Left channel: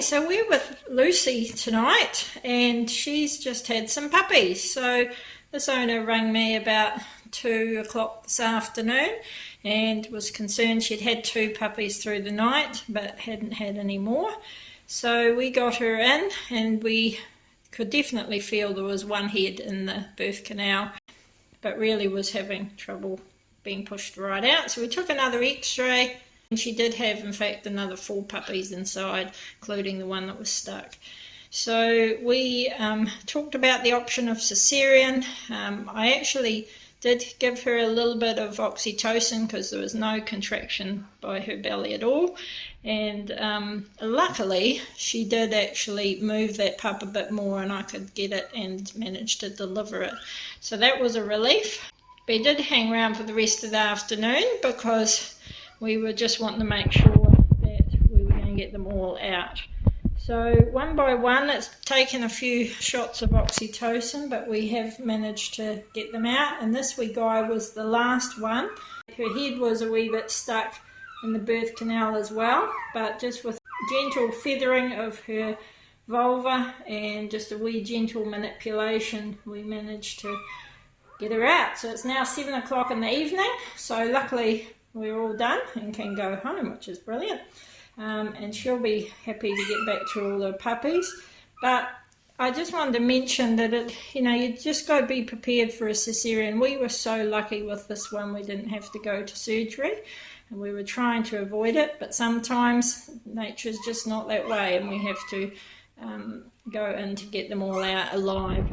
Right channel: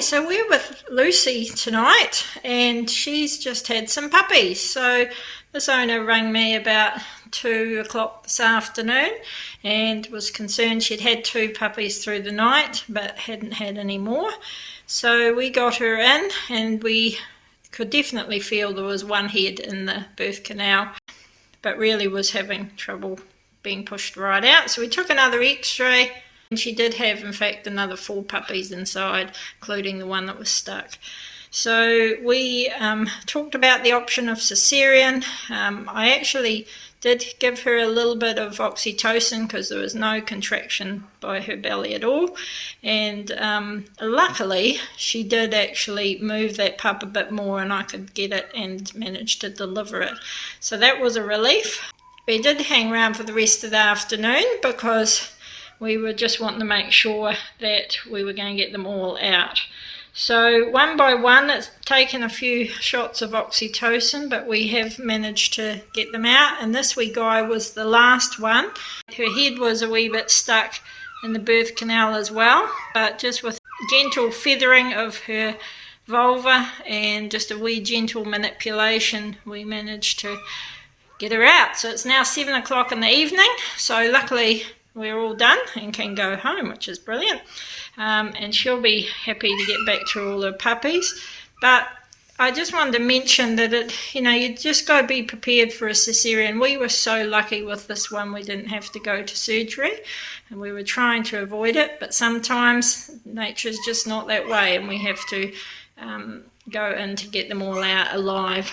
Okay, so we're with Lucy tonight and she's just had some puppies. So this owner rang me about 2 o'clock this afternoon and was concerned she'd had 2 puppies through the night but hadn't had any more. So we got her in and we could definitely feel there was one head in the birth canal but really was having trouble being pushed right out. So we took another x-ray. And she did have, in fact, another 4 puppies inside, including the one that was stuck. So we talked about the option of cesarean. I actually did give her a little bit of oxytocin because there was no contraction by her belly at all. And luckily, she did actually move that pup a bit more and I could get it and managed to deliver it. So that was a relief. We did hang around for the rest of the afternoon because we were just wanting to make sure that we were going to get them all out. So one by one, it's taken a few shots of oxytocin, but we have managed to get them out. And this wee guy was the last one. Her head was a wee bit stuck in the birth canal as well, but just with gentle feathering of her vulva and just a wee gentle manipulation, we managed to get her out. So it's now 7 o'clock in the evening, so luckily we're all done and can go home, which is brilliant. And she'll be happy to get back to all her puppies. But I just wanted to mention that you just got to be prepared for a cesarean. We were so lucky with this one, we didn't have to go to surgery, and we were trying to avoid it. But sometimes nature's just not that way, and we have to go in to get them all out alive.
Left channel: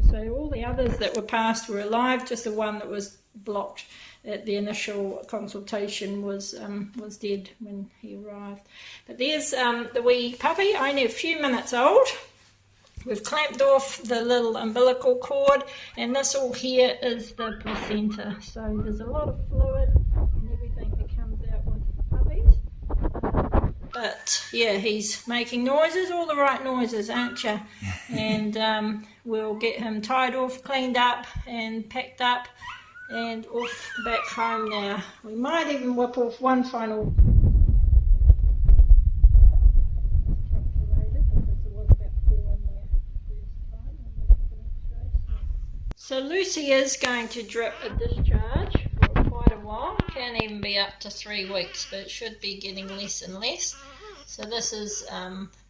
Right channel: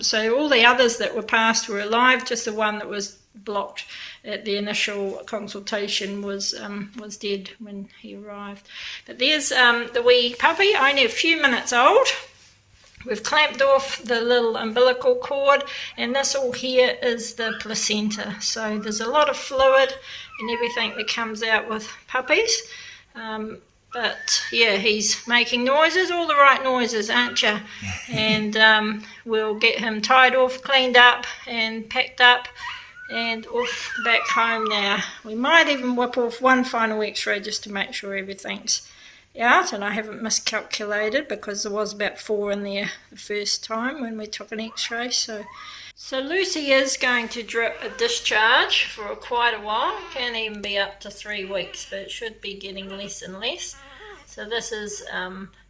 So all the others that were passed were alive, just the one that was blocked at the initial consultation was dead when he arrived. But there's the wee puppy, only a few minutes old. We've clamped off the little umbilical cord, and this all here is the placenta. So there's a lot of fluid and everything that comes out with puppies. But yeah, he's making noises, all the right noises, aren't you? And we'll get him tied off, cleaned up and packed up and off back home now. We might even whip off one final x-ray just to make sure everything's out, and I haven't miscalculated because there was about 4 in there the first time when we took an x-ray. So Lucy is going to drip a discharge for quite a while. Can even be up to 3 weeks, but it should be getting less and less. So this is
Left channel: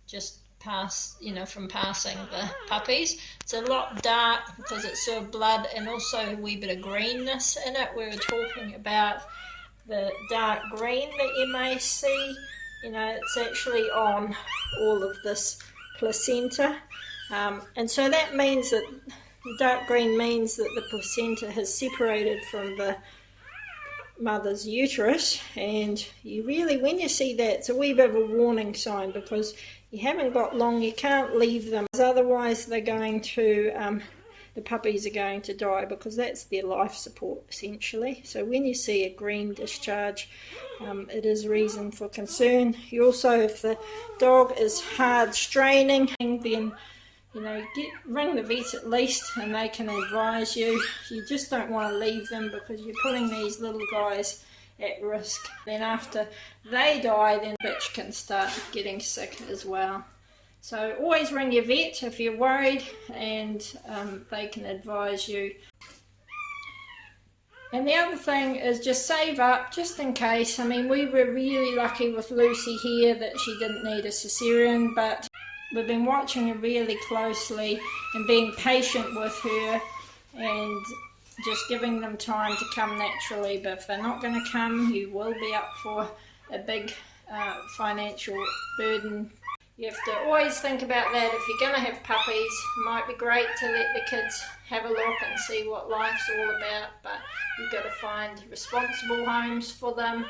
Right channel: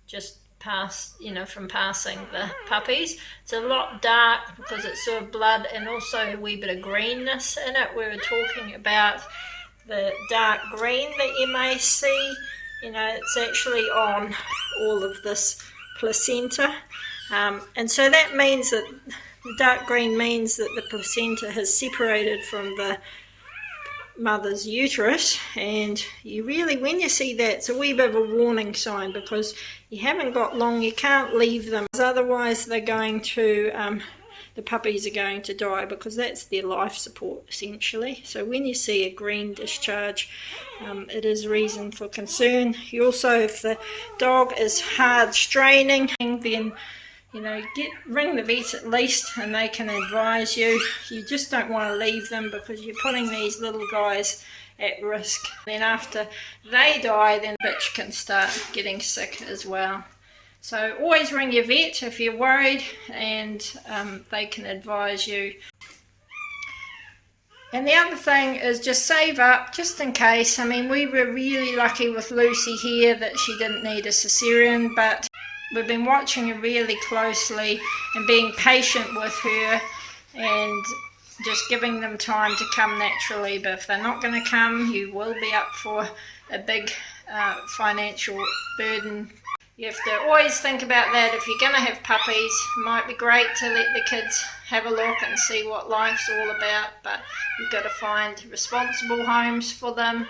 just past, from passing the puppies. It's a lot dark because it's sort of blood and also a wee bit of greenness in it. We were talking about the dark green that you may see. It's actually on all of this placenta. And so that means that the dark green means that the placenta has separated from the mother's uterus, and you really, when you see that, it's a wee bit of a warning sign because you haven't got long, you can't leave them, otherwise they're going to, the puppies are going to die because that's their life support essentially. So when you see a green discharge, it is reason for concern. You also, if the dog is hard straining, then ring the vet at least and they can advise you. You just don't want to leave them because you're putting these little guys at risk. Then after they die, then the bitch can start getting sick as well. So always ring your vet if you're worried, and they can advise you. And the other thing is just save up just in case. I mean, we were really lucky with Lucy here that she didn't need a cesarean, but we've been watching her really closely and being patient with her and just giving them time to come naturally. But if they're not going to come, you will be up for a big financial burden. You have to always think about that. If you're going to have puppies, it might be great to let the kids have a look and see what life's all about, but you've got to find responsible homes for them,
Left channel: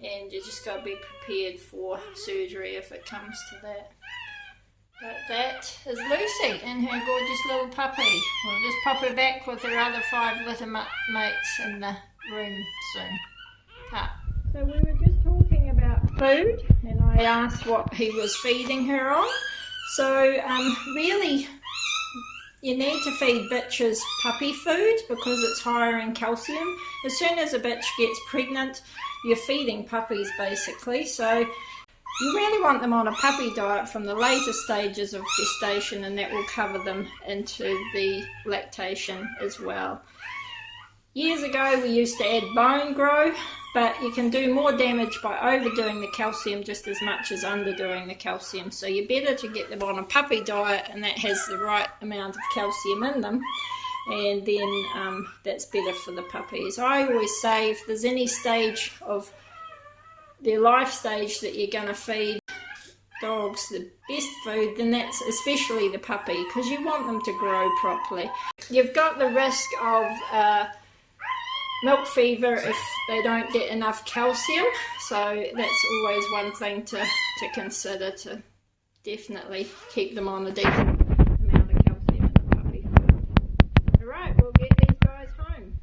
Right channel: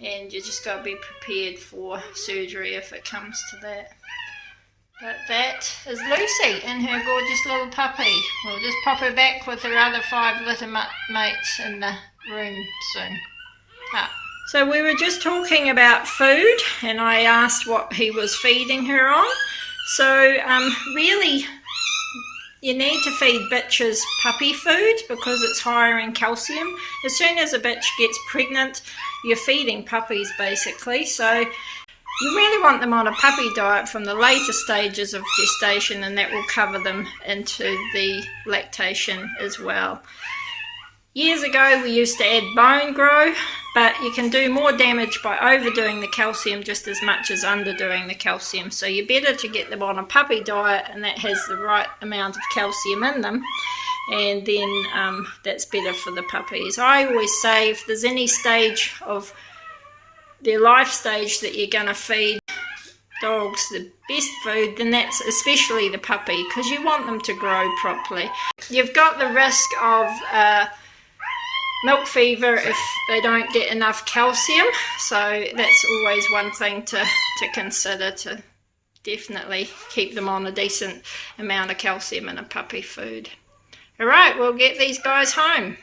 and you just got to be prepared for surgery if it comes to that. But that is Lucy and her gorgeous little puppy. We'll just pop her back with her other 5 litter mates in the room soon. So we were just talking about food, and I asked what he was feeding her on. So really, you need to feed bitches puppy food because it's higher in calcium. As soon as a bitch gets pregnant, you're feeding puppies basically. So You really want them on a puppy diet from the later stages of gestation, and that will cover them into the lactation as well. Years ago we used to add bone grow, but you can do more damage by overdoing the calcium just as much as underdoing the calcium. So you're better to get them on a puppy diet, and that has the right amount of calcium in them, and then that's better for the puppies. I always say if there's any stage of their life stage that you're going to feed dogs the best food, then that's especially the puppy, because you want them to grow properly. You've got the risk of milk fever if they don't get enough calcium, so that's always one thing to consider, to definitely keep them on a decent amount of calcium in a puppy food. Alright, we'll get these guys home.